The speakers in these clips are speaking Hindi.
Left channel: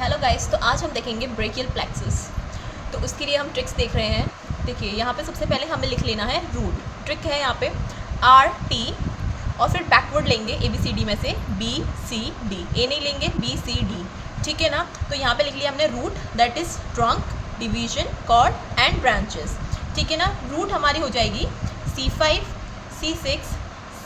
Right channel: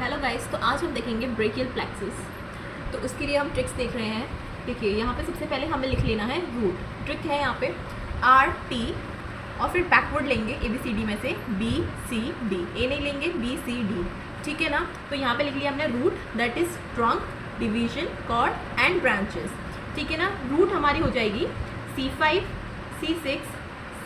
हेलो गाइस, तो आज हम देखेंगे ब्रेकियल प्लेक्सस। तो उसके लिए हम ट्रिक्स देख रहे हैं। देखिए यहाँ पे सबसे पहले हमें लिख लेना है रूट। ट्रिक है यहाँ पे RT और फिर बैकवर्ड लेंगे ABCD में से BCD। ए नहीं लेंगे BCD, ठीक है ना। तो यहाँ पे लिख लिया हमने root, that is trunk, division, cord and branches, ठीक है ना। रूट हमारी हो जाएगी C5, C6,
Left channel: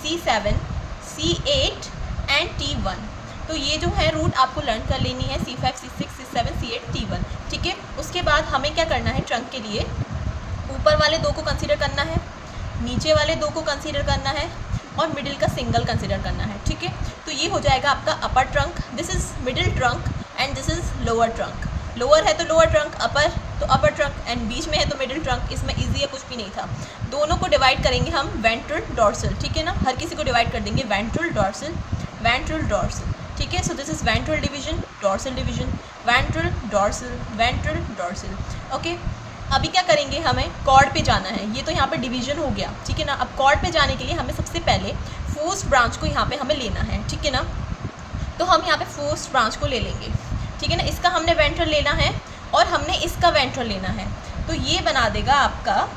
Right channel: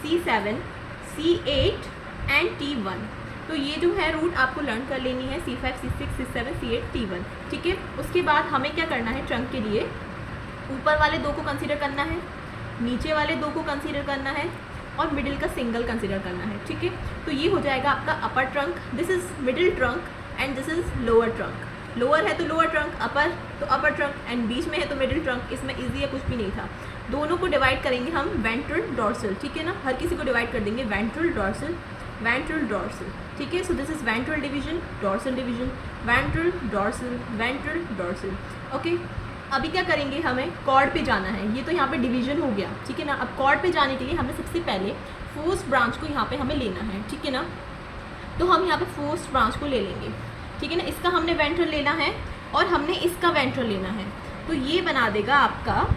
C7, C8 and T1। तो ये जो है रूट आपको लर्न कर लेनी है, C5, C6, C7, C8, T1, ठीक है। उसके बाद हमें क्या करना है, ट्रंक के लिए ऊपर वाले दो को कंसीडर करना है, नीचे वाले दो को कंसीडर करना है और मिडिल का सिंगल कंसीडर करना है, ठीक है। तो ये हो जाएगा आपका अपर trunk, this is middle trunk and this is lower trunk. Lower है तो लोअर ट्रंक, अपर तो अपर ट्रंक एंड बीच में है तो मिडिल ट्रंक। इसमें इजी है, कुछ भी नहीं था। दोनों को डिवाइड करेंगे हम वेंट्रल डॉर्सल, ठीक है ना। हर किसी को डिवाइड कर देंगे वेंट्रल डॉर्सल, वेंट्रल डॉर्सल, ठीक है। So this is ventral division, dorsal division, ventral dorsal, ventral dorsal, okay. अभी क्या करेंगे, हमें कॉर्ड पे जाना है। ये तो यहाँ पे डिवीजन हो गया, ठीक है ना। अब कॉर्ड पे जाने के लिए हमें सबसे पहले फोर्थ ब्रांच को यहाँ पे हमें लेना है, ठीक है ना। तो हम यहाँ पे फोर्थ ब्रांच को ले लेंगे, ठीक है ना। इसका हमने वेंट्रल लेना है और हमने इसका वेंट्रल लेना है। तो ये बना देगा आपका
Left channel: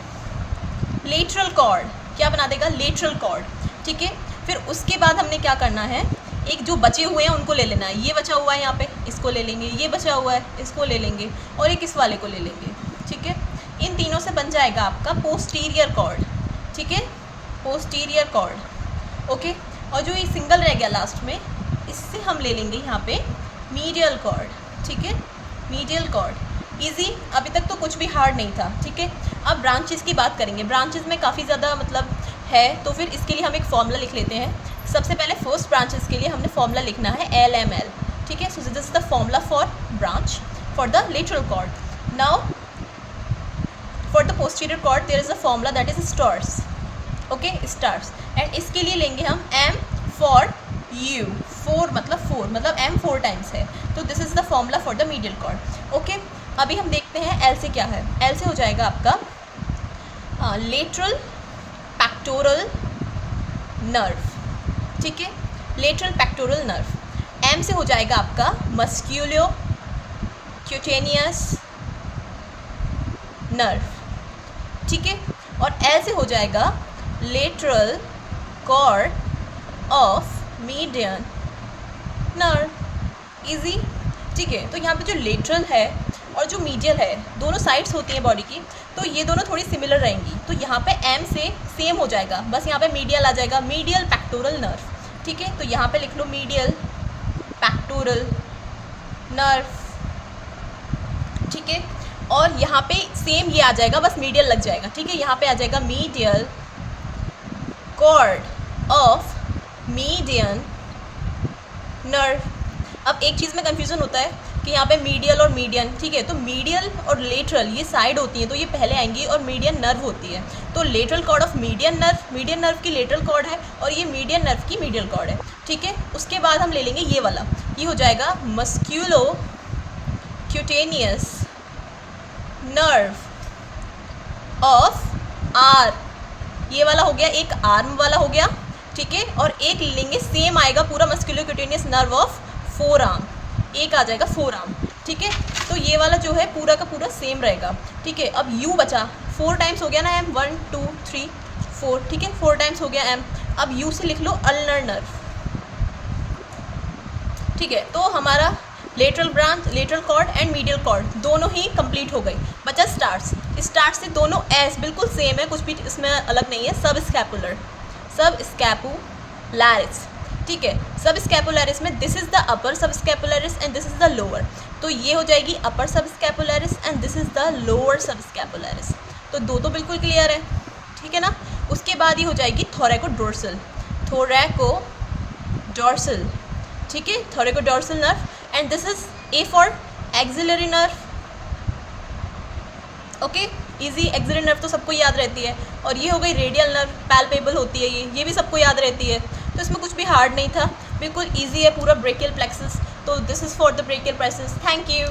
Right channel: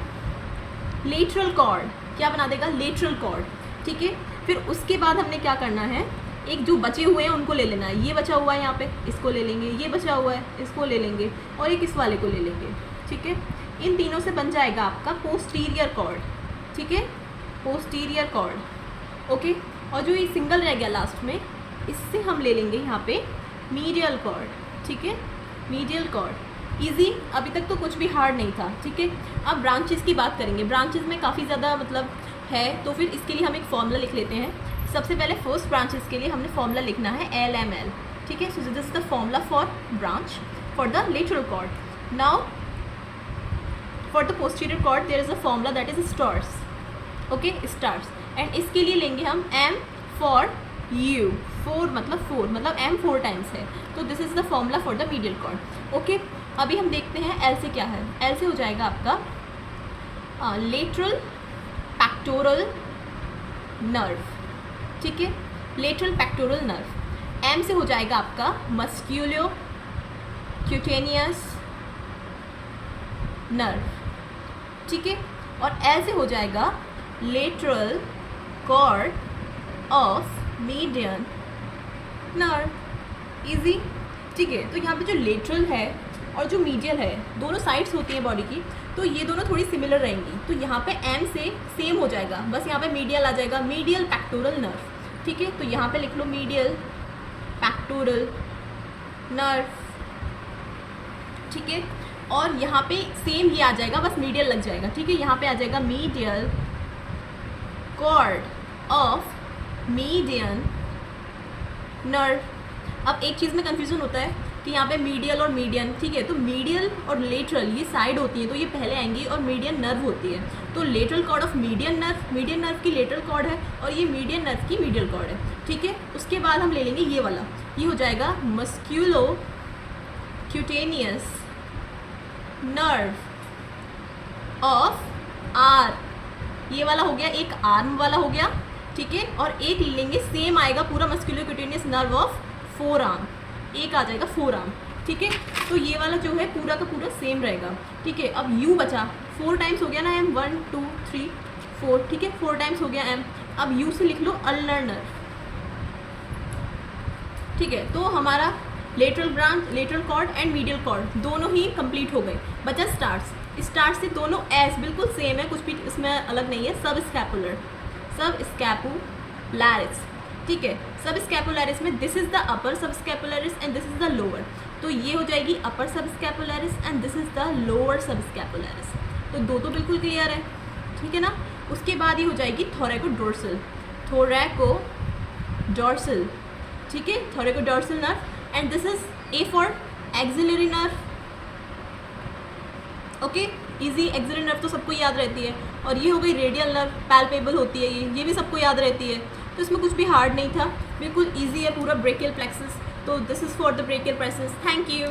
लेटरल कॉर्ड। क्या बना देगा, लेटरल कॉर्ड, ठीक है। फिर उसके बाद हमने क्या करना है, एक जो बचे हुए हैं उनको ले लेना है। ये बचा हुआ है यहाँ पे, इसको ले लेंगे। ये बचा हुआ है, इसको ले लेंगे और एक इस वाले को ले लेंगे, ठीक है। इन तीनों से बन जाएगा आपका पोस्टीरियर कॉर्ड, ठीक है, पोस्टीरियर कॉर्ड, ओके। और जो ये सिंगल रह गया लास्ट में, इससे हम ले लेंगे यहाँ पे मीडियल कॉर्ड, ठीक है, मीडियल कॉर्ड। इजी, अभी तक तो कुछ भी हार्ड नहीं था, ठीक है। अब ब्रांचेस की बात करेंगे। ब्रांचेस में काफ़ी ज़्यादा मतलब है, तो फिर इसके लिए हम एक फॉर्मूला लिख लेते हैं। सबसे पहले फर्स्ट ब्रांचेस के लिए हमने फॉर्मूला लिखना है LML, ठीक है। So this is the formula for branch for the lateral cord. Now for the posterior cord there is a formula that is stars, okay, stars. And इसके लिए लेंगे हम M फॉर U, 4 मतलब M 4 टाइम्स है। तो this is the formula for the medial cord, okay. अभी हम देखते हैं L से क्या है। L से हो जाएगा आपका लेटरल पैक्टोरल नर्व, ठीक है, लेटरल पैक्टोरल नर्व। M से हो जाएगा आपका मस्क्यूलो क्यूटेनियस नर्व, ठीक है। और L से हो जाएगा lateral cord of median nerve. Easy, ठीक है। तो यहाँ पे जो लेटरल है और जो मीडियल है, दोनों साइड्स होती हैं बॉडी की, तो ये दोनों थोड़ी सिमिलर रहेंगी। तो यहाँ पे M से सेम हो जाएगा, बस यहाँ पे मीडियल आ जाएगा, मीडियल पैक्टोरल नर्व, ठीक है। तो यहाँ पे लिख लो मीडियल पैक्टोरल नर्व, ठीक है। और यहाँ पे सेम ये आ जाएगा, बस मीडियल लग जाएगा, ठीक है। यहाँ पे आ जाएगा medial cord of median nerve. अब एक चीज़ में कन्फ्यूज़न होता है कि यहाँ पे मीडियल और मीडियन, ठीक है। तो मीडियल और लेटरल ये साइड होती हैं, तो ये पहले आएंगी, और मीडियन नर्व होती है। तो lateral cord of median nerve की लेटरल कॉर्ड है और ये मीडियन नर्व की मीडियल कॉर्ड है, ठीक है। उसके बाद हम ले लेंगे ये वाला, ये हो जाएगा musculo cutaneous nerve of R। ये वाला हो गया, एक आर्म वाला हो गया, ठीक है। और एक लेंगे, सेम आएगा पूरा musculo cutaneous nerve of four arm, एक आ जाएगा फोर आर्म, ठीक है। तो ये वाला जो है पूरा का पूरा सेम रहेगा, ठीक है। अब U बचा, 4 टाइम्स हो गया ना M, 1 2 3 4, ठीक है, 4 टाइम्स हो गया M। अब U से लिख लो अल्नर नर्व, ठीक है। तो हमारा lateral branch, lateral cord and medial cord दोनों ही कंप्लीट हो गए। बचा स्टार्स। स्टार्स से दोनों एस बिल्कुल सेम है, कुछ भी इसमें अलग नहीं है। सब स्कैपुलर, सब स्कैपुलैरिस, ठीक है। सब स्कैपुलैरिस में this is the upper subscapularis and this is the lower. तो ये हो जाएगी upper subscapularis and this is the lower subscapularis. तो दो तो बिल्कुल क्लियर है, ठीक है ना। उसके बाद ये हो जाएगी थोरैकोडोर्सल, थोरैकोडोर्सल, ठीक है, thoracodorsal nerve. And this is A for axillary nerve, okay. Easy, axillary nerve तो सबको याद रहती है। और ये हो गई रेडियल नर्व, पैल्पेबल होती है, ये भी सबको याद रहती है। तो इसमें कुछ भी हार्ड नहीं था, बिल्कुल इजी है पूरा ब्रेकियल प्लेक्सस। तो this is for the brachial plexus. Thank you.